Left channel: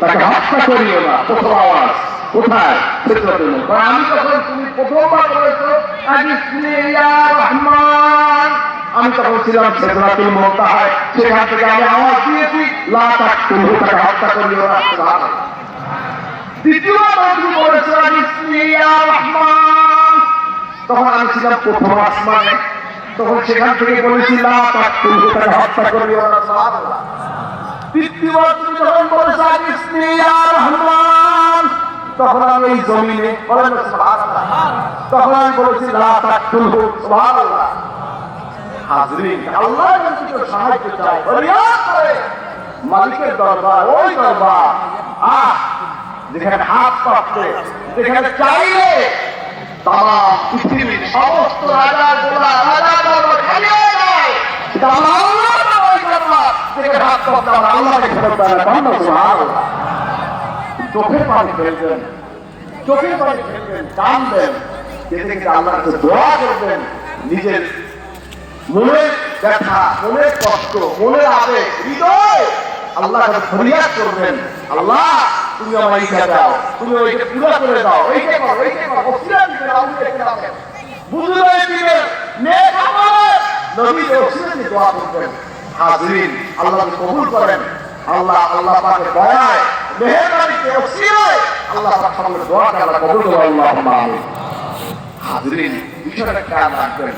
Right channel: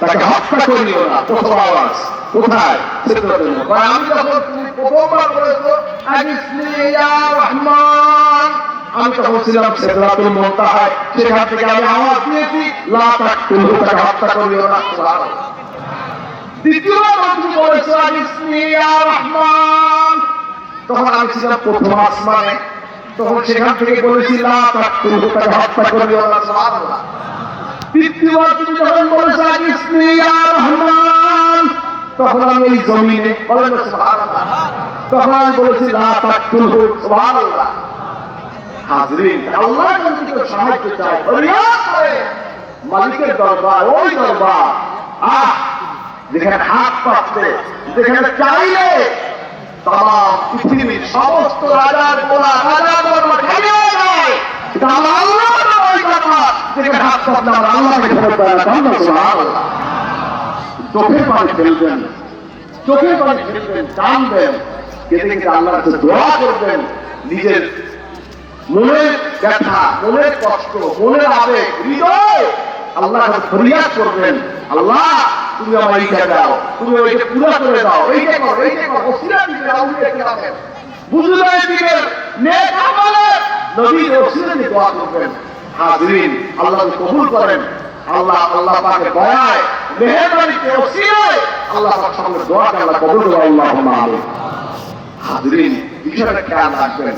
তাকে হত্যা করিও না। প্রথম আওয়াজ কোথায়? আমি যখন তুমি প্রথমবার বলেছো রহমান, আমি তখন ছিলাম সিদরাতুল মুনতাহায়, সেখান থেকে আমি আওয়াজ দিয়েছি লা তাকতুলহু, তাকে হত্যা করিও না। সুবহানাল্লাহ। দ্বিতীয়বার তুমি বলেছো রহমান, তখন আমি ছিলাম প্রথম আসমানে, তখন সেখান থেকে বলেছি লা তাকতুলহু, তাকে হত্যা করিও না। সুবহানাল্লাহ। তৃতীয়বার তুমি যখন বলেছো রহমান, তখন আমি এই জমিনে, বলেন না সুবহানাল্লাহ, তখন আমি বলেছি লা তাকতুলহু। সুবহানাল্লাহ। হাজরিন, আল্লাহ যদি সাহায্য চায় ফরিয়াদ করে মালিকের দরবার, ওই দরবার যেখানে হাত পাচ্ছে, যেখানে চাইলে তাম পৃথিবীর সমস্ত রাজা গোলা রাজা দরবার খাইয়ে দেয়, যেখানে হাত পাচ্ছে আল্লাহকে ফেরত দেয়। সুবহানাল্লাহ। চোখের পানি ফেলবেন, চোখের পানি ফেলবেন, কাঁদবেন, কেঁদে কেঁদে আল্লাহর কাছে দোয়া করবেন, নিজের মনের ব্যথা, মনের কষ্ট, মনের আবেগ, হৃদয় আল্লাহর কাছে ফরিয়াদ করবেন, আল্লাহ তুমি আমার এইটা দাও, তুমি ওইটা পুরো করে দাও, এইটা করো, এইটা করো, ওসিলা দিবেন, আউলিয়া দিবেন, বুঝলে দিবেন, নেক আমল নবীর ওসিলা দিয়ে দোয়া করবেন। হাজরিন, আল্লাহ কবুল করেন। আল্লাহ আল্লাহ পাকের দয়ায়, মেহেরবানিতে, ওসিলায় আল্লাহ পাক সকলের দোয়াকে আল্লাহ কবুল করে। আল্লাহুম্মা আমিন। হাজরিন, বিষয়টা খেয়াল রাখবেন,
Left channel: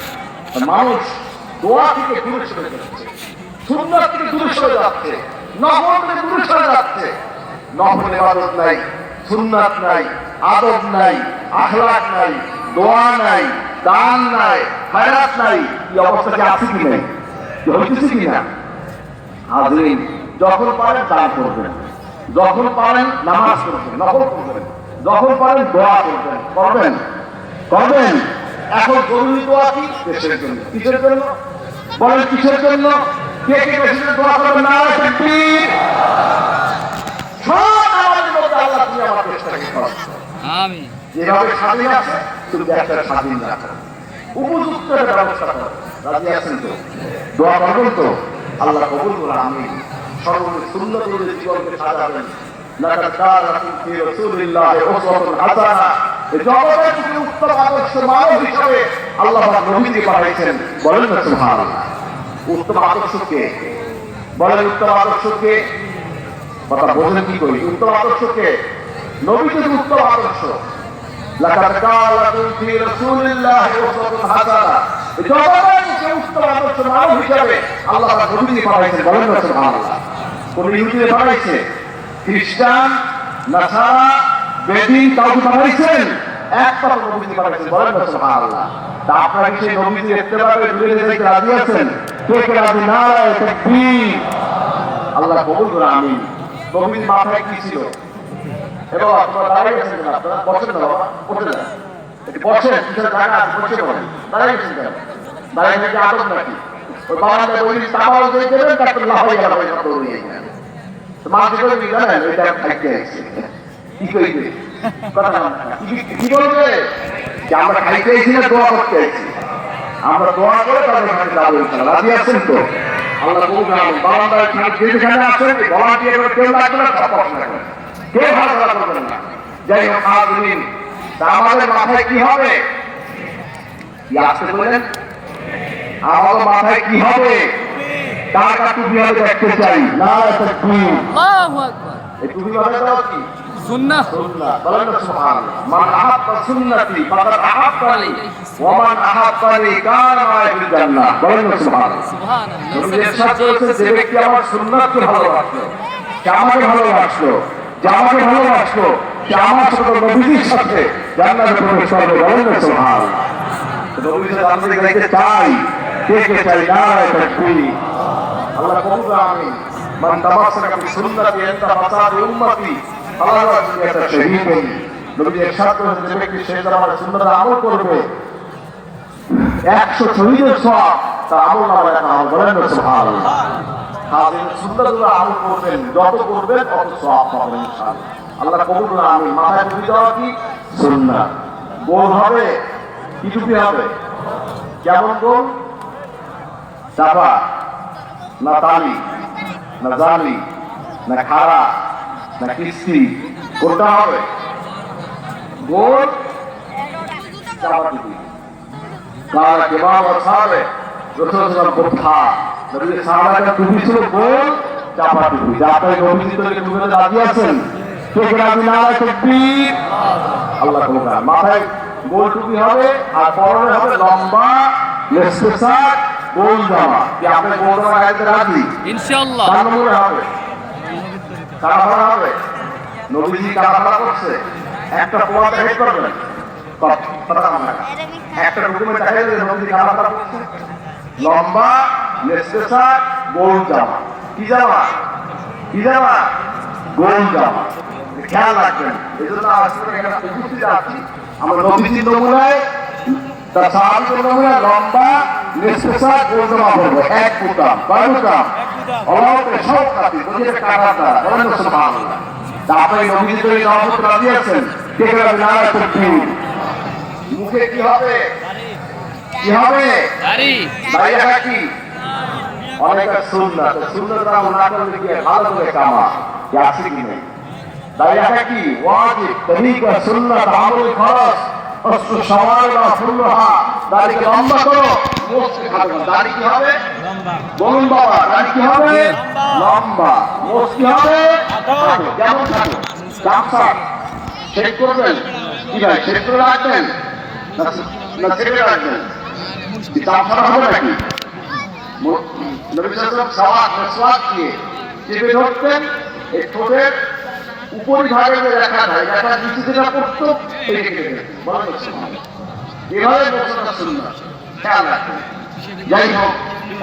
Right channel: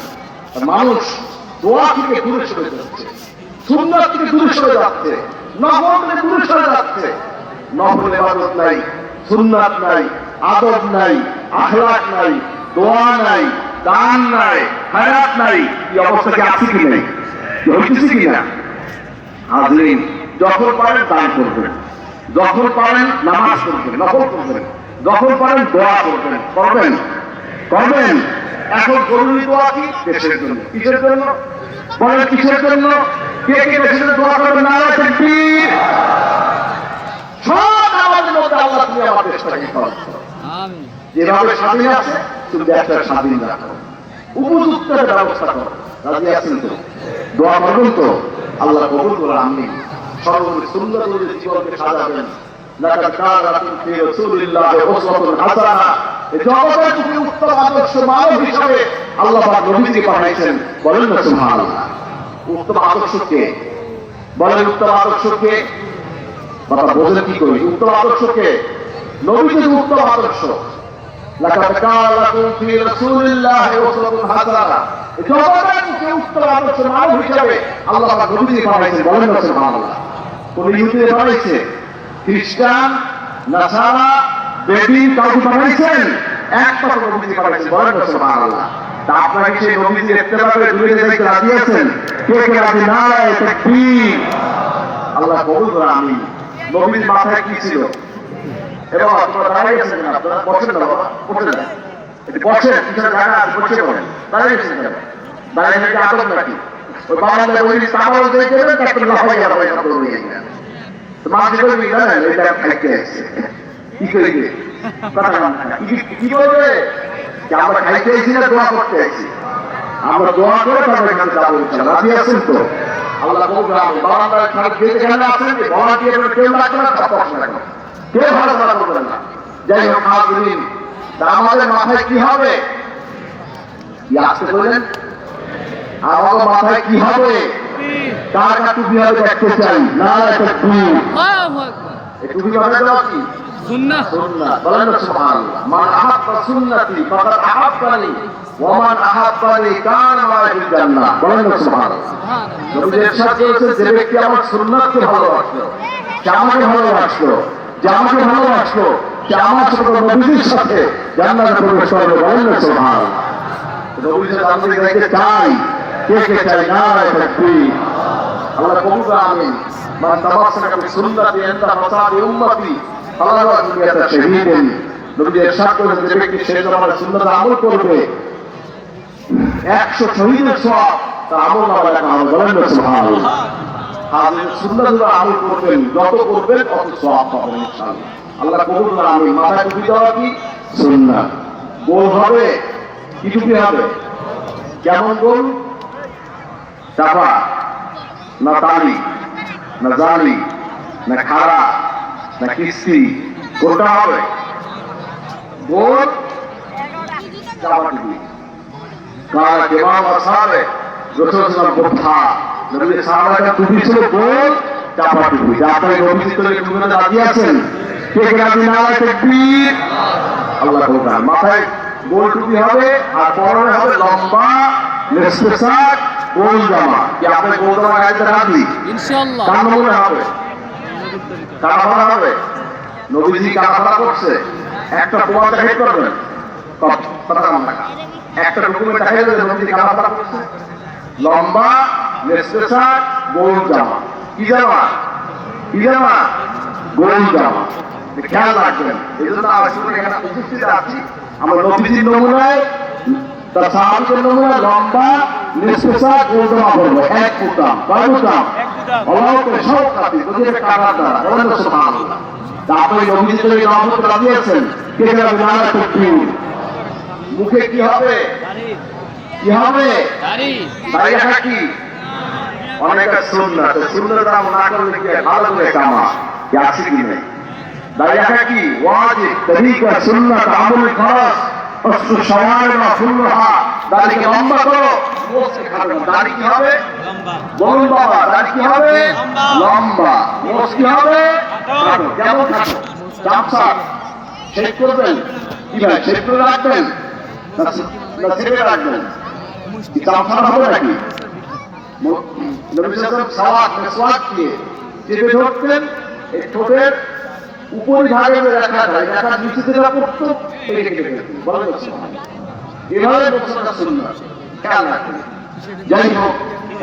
মানুষ দোয়া থেকে দূরে সরে যাচ্ছে, সুন্নাত থেকে দূরে সরে যাচ্ছে, নফল থেকে দূরে সরে যাচ্ছে। নফল ইবাদত নাই, সুন্নাত নাই, আদব নাই, আখলাক নাই, দোয়া নাই, দান নাই, খায়রাত নাই। এই অবস্থা কি আছে কি নাই? হইতেছে কি না? হাজরিন, যখন পারেন দান করবেন, যখন পারেন নামাজ পড়বেন, নফল করবেন, যখন পারেন দোয়া করবেন, করবেন করবেন। এখন জরুরি দোয়া কি? দেশের জন্য। কিসের জন্য বলেন? কিসের জন্য? কে কে দেশের দোয়া করবেন? নারায়ে তাকবীর। সব আমাদের মধ্যে আল্লাহ তুমি আমার দেশটাকে বাঁচাও। আমিন। যেভাবে স্বাধীন আছে তুমি দেশটা স্বাধীন রাখো, উপযুক্ত একটা ব্যবস্থা করো। রাজি আছেন তো? দোয়া করবেন তো? আল্লাহ কবুল করুন। আমিন। সর্বোপরি সুন্নাত অনুযায়ী জীবনকে সাজাবেন। লাকাদ কানা লাকুম ফি রাসূলিল্লাহি উসওয়াতুন হাসানাহ। জগতের প্রতি উত্তম আদর্শ মানব হিসেবে আল্লাহ পাক নবীকে পাঠাইছেন। বলেন না সুবহানাল্লাহ। উত্তম আদর্শ কে? বলেন উত্তম আদর্শ কে? কথা বোঝেন কি করি? উত্তম আদর্শ কে? নবী যদি উত্তম আদর্শ। লাকাদ কানা লাকুম ফি রাসূলিল্লাহি উসওয়াতুন হাসানাহ। জগতের প্রতি উত্তম আদর্শ মানব হিসেবে আল্লাহ পাক নবীকে পাঠাইছেন। বলেন না সুবহানাল্লাহ। কোন ইহুদিকে পাঠাইছে? খ্রিস্টান, নাসারা, বেদিন কাউকে পাঠাইছেন? একমাত্র নবীকে পাঠাইছেন। বলেন না সুবহানাল্লাহ। তা আপনারা কি সেই নবীকে ইত্তেবা করে দূরে যেতে রাজি আছেন? কে কে রাজি? নারায়ে তাকবীর। আল্লাহ কবুল করে। আমিন। নবীর মাথায় কি ছিল? এবার আপনারা দাঁড়িয়ে গেছেন কেন? আপনারা বসেন না বাবা, বসেন না, একটু বসেন, কিছু জায়গা আছে, বসে বলেন। দাঁড়িয়ে গেছেন কেন? দাঁড়িয়ে থেকে আদব নাকি? ওই বারান্দায় বলি তামাল দিয়ে দেবেন, তারপরে লাফাই গেল ওই শব্দ নিয়ে গেলেন। তো মানুষ বলবি জানেন ওইটা খাইতে আসছে, কি করিবে কথা কি বলবে যে আমরা খাইতে আইছি না দোয়া করতে আইছি? আমরা দোয়া করে তাদের কাছে যাবো ইনশাআল্লাহ। রাজি আছেন তো? আল্লাহ কবুল করুন। বারান্দায় যেখানে আছেন ভলান্টিয়ার করে কেউ লাগবে না, সব পছন্দ করেন, কেউ ভালো ভালো করবেন না। যাই হোক হাজরিন, আমাদের মাথায় কি হবে? কি আসতে বললেন? আমাদের মাথায় কি হবে? তার কাছে টুপি হবে দেখতে চাই। নারায়ে তাকবীর। আল্লাহু আকবার। এই টুপি হবে দাও কি? সুন্নাহ। সুন্নাহ। বলেন না সুবহানাল্লাহ। মান আহাব্বা সুন্নতি ফাকাদ আহাব্বানি ওয়া মান আহাব্বানি কানা মা'আল জান্নাহ। বলেন না সুবহানাল্লাহ। সুবহানাল্লাহ। নবী ইরশাদ করেছেন, যে ব্যক্তি আমার সুন্নাতকে ভালোবাসলো, সে আমাকে ভালোবাসলো, যে আমাকে ভালোবাসলো সে আমার সাথে নবীর সাথে জান্নাতে প্রবেশ করবে। বলেন না সুবহানাল্লাহ। নবীর সাথে আমরা যাইতে চাই। কে কে চাই? নারায়ে তাকবীর। আল্লাহ কবুল করুন। আমিন। মান তামাসসাকা বিসুন্নতি ইনদা ফাসাদি উম্মতি ফালাহু আজরুন শাহীদুন। নবী ইরশাদ করেছেন, যে ব্যক্তি সেই জামানার সুন্নাতে আমল করবে 100 শহীদের সওয়াব তার আমলনামায় লেখা হবে। বলেন না সুবহানাল্লাহ। হাজির সুন্নাতুল আমল করবেন, যত করবেন তত সওয়াব পাবেন ইনশাআল্লাহ। আল্লাহ কবুল করুন। আমিন। মাথায় টুপি দেওয়া কি? সুন্নাত। গোল হবে কি? টুপি হবে কেমন গোল? চাপা না তালি না জালি না খাড়া না কিস্তি কোনটা হবে? গোল চাপাটি কারণ কেবাব আসাবে রসুলাম কোঠা নবীর সাহাবারা টুপি ছিল গোল চাপাটি যাতে নবী তো টুপিতে রাজি আছেন কে কে রাজি না হয় তাকবীর আল্লাহ কোরআন মাথায় গোল টুপি হবে আর পরনে হবে লম্বা মেসপেসাক গোল জামা কি আপনি গোল জামা গাইতে রাজি ইনশাআল্লাহ কার মনে হবে কারা হবে নবীজি কারা করছে একটা প্রমাণ দেখাতে পারবেন কথা না একটা ডকুমেন্ট দেখাই দেবে নবীজি কারা করছে লম্বা মেসপেসাক গোল জামা কি জামা কি জামা গোল জামা খেয়াল রাখবেন এই জন্য আসলে এখানে উপস্থিত আছি আমরা নবীজির নমুনায় তার সাহাবীদের নমুনায় লম্বা মেসপেসাক গোল জামা পরবো এক ফুটাম কয় ফুটাম অল্প সব খাতি নদীর কারার দ্বারা বলেন সুবহানাল্লাহ তারপরে নবীজিদের এই দাওয়াতে রাজি আছেন কে কে রাজি না হয় তাকবীর মুখে কি হবে কি হবে দাড়ি দাড়ি রাখা কি অনেক সুন্নাত সুন্নাত আমরা না করলে কি ভালো করে কামা কি আছে কি নেই দাড়ি রাখা কি ওয়াজিব তরিকা সুন্নাত আমল খরচ অস্ত্র সমানা ফুলহা দাড়ি লম্বা করো মোস্ট খাবে দাড়ি কি হবে বলুন বাবা দাড়ি কি হবে লম্বা মোস্ট কি হবে খাটো কেমন খাটো চাপসা শেভ করবেন কি ভাই শেভ করে রাখবেন না ছেড়ে রাখবেন চাপসা হবে নাকি নবী সাল্লাল্লাহু সাওয়াত দিয়ে চেপে ধরতেন এই ঠোঁটের উপরিভাগে রাখা যায় যারা নিচে যেটা করতো রেখে দেবেন বলেন এভাবে বক্তব্য সুন্নাত খেয়াল রাখবেন যাই হোক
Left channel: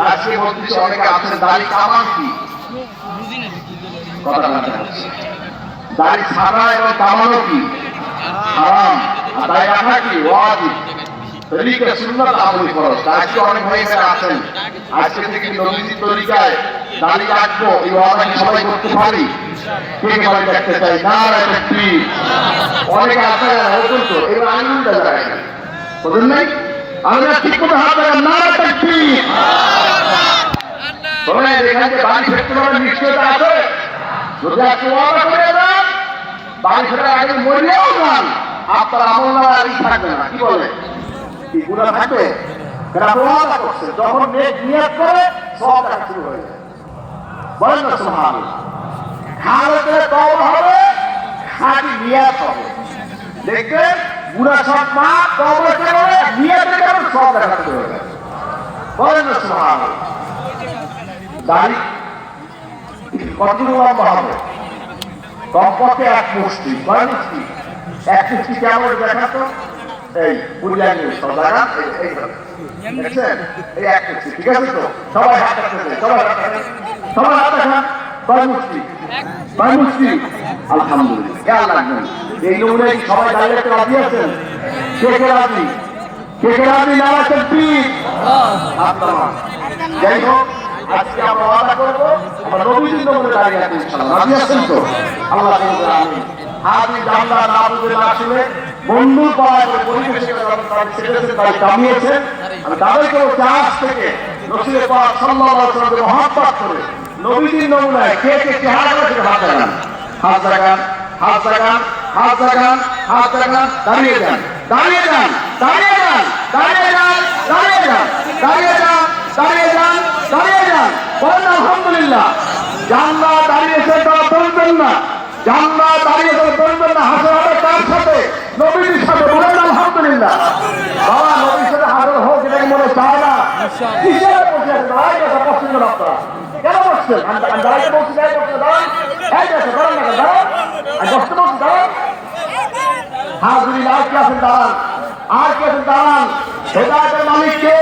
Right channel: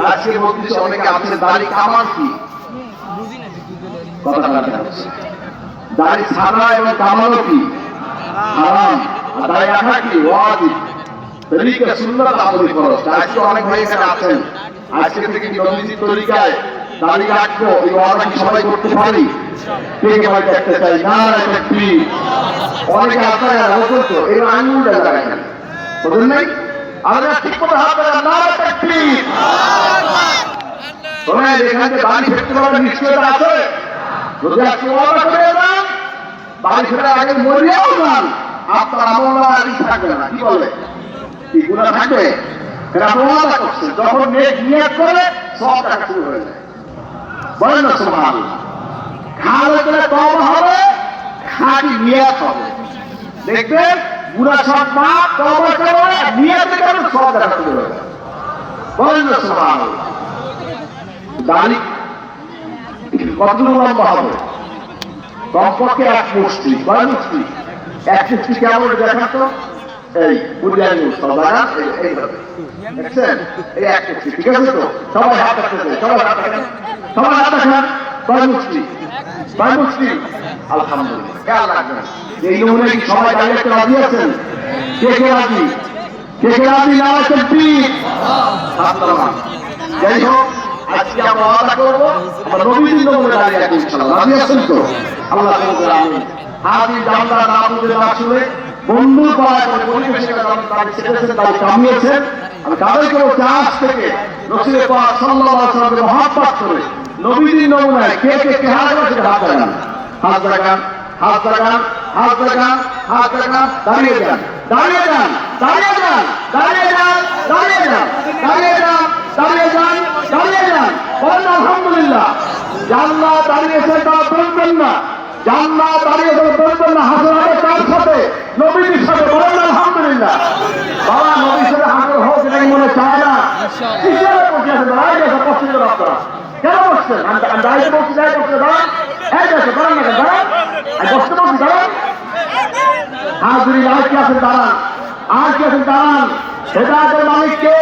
আজকে বলতেছি অনেকে আছে দাড়ি কামাল কি কথা বলছি দাড়ি ছাড়া এবং কামালও কি হারাম আর দাড়ি রাখা কি ওয়াজিব তরিকা সুন্নাত আমল ফরজ আজকে অনেক ভাই এখানে আছেন আজকে থেকে নবীজির তরিকায় দাড়ি রাখবো এই ওয়াদা কি সবাই করতে পারি কে কে ভাই দেখতে চাই না তাকবীর অনেকে আপনারা রাখেন তো এই আইনটা লাগায় বুঝেন নাই আমরা ঠিক মতো হাত লাগান না তাকবীর তোমরা এখানে বাড়ি ফেরতে পারার নিশ্চয়তা আছে যদি আজকে ওয়াদা করে যান বাড়ি ফেরার আগে মরিয়াও যান আপনার আমল নামা থাকবে না কি বলে কি গুনাহ থাকবে যারা ওয়াদা করছে যখন নিয়ত করে সব কাজ শুরু হয়ে যায় বলেন না সুবহানাল্লাহ হালতে তওবা হবে খাঁটি নিয়ত হবে দেখবেন গুনাহ সব মাফ তওবা করে নিয়তে করে সব দেখা শুরু হয়ে যায় বলেন না সুবহানাল্লাহ দাড়ি কতটুকু লম্বা হবে কমপক্ষে এক মুষ্টি কয় মুষ্টি এক মুষ্টি কেমন দেখান তো এই বুঝাইনি সবাই এইভাবে দেখছেন এই এক মুষ্টি ঠিক আছে তো সবাই হাত রাখতেছে সবাই হাত রাখান কয় মুষ্টি আলহামদুলিল্লাহ খেয়াল রাখবেন এই নমুনায় সবাই দাঁড়িয়ে রাজি আছেন কে রাজি না তাকবীর যাই হোক আজকে আমরা ওয়াদা করবো আমরা নবীজির নমুনায় দাঁড়িয়ে রাখবো ইনশাআল্লাহ রাজি আছেন তো আল্লাহ তাআলা আমিন হাজি জানলা না বুঝে না শুনে বন্ধু পাড়ায় পরিবেশে তারা কামিয়েছেন আমি তাদেরকে বলছি আজ থেকে রাসূল পাক সাল্লাল্লাহু আলাইহি ওয়াসাল্লামের মহব্বত করে নবীজির নমুনায় কে চেহারা করে সেটা হাত লাগান দাঁড়িয়ে যান বলেন আলহামদুলিল্লাহ জান্নাত দাঁড়িয়েছে তারা বলবেন না জান্নাত দাঁড়িয়েছে বলবেন না হাজার হাজার তার সাথে নবীর সাথে বলেন আলহামদুলিল্লাহ বাবা নবীর সাথে হাজার হোক এটা মনে চায় না কেন বসছেন হাজুরি আর কি আছেন দাঁড়ান হেদায়েতের মালিক কে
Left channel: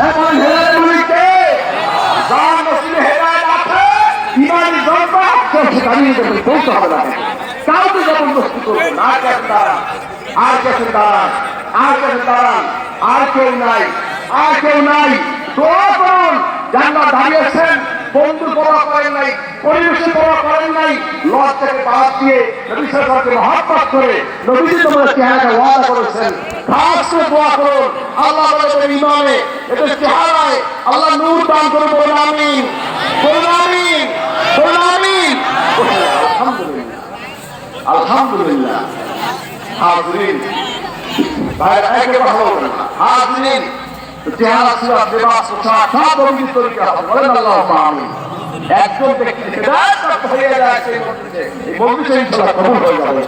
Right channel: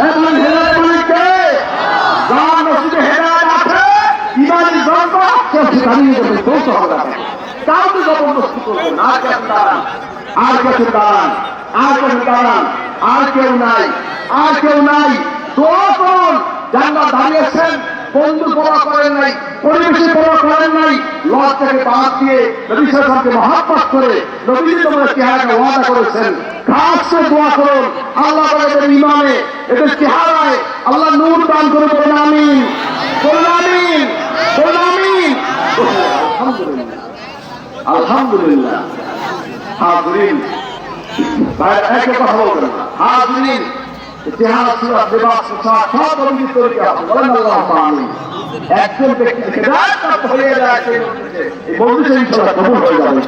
এবং হেদায়েতের মালিক কে যার মসজিদে হেদায়েত আছে ইমানি জনতা কে দাঁড়িয়ে যাবে বলতে হবে না কাউকে জবরদস্তি করবো না আর কেউ নাই দোয়া করুন জান্নাত দাঁড়িয়েছেন বন্ধু পড়া করেন নাই পরিবেশে পড়া করেন নাই লজ থেকে বাদ দিয়ে নবী সাল্লাল্লাহু মহব্বত করে নবীর তোমার চেহারাটা ওয়াদা করেছেন খাসে দোয়া করুন আল্লাহ বলেন ইমানে এটা চেহারায় আল্লাহ নূর দান করে বলেন আমিন আলহামদুলিল্লাহ আলহামদুলিল্লাহ। হাজরিন একে কথা বলবেন না। হাজরিন ইতিহাস সুরাত লিবাস পোশাক সব অভিযোগ তৈরি হবে, বলেন আল্লাহুম্মা আমিন। একজন ব্যক্তি হিদায়াত প্রাপ্ত হয়ে যায় সেই মজলিসে ইনশাআল্লাহ কবুল হয়ে যাবে।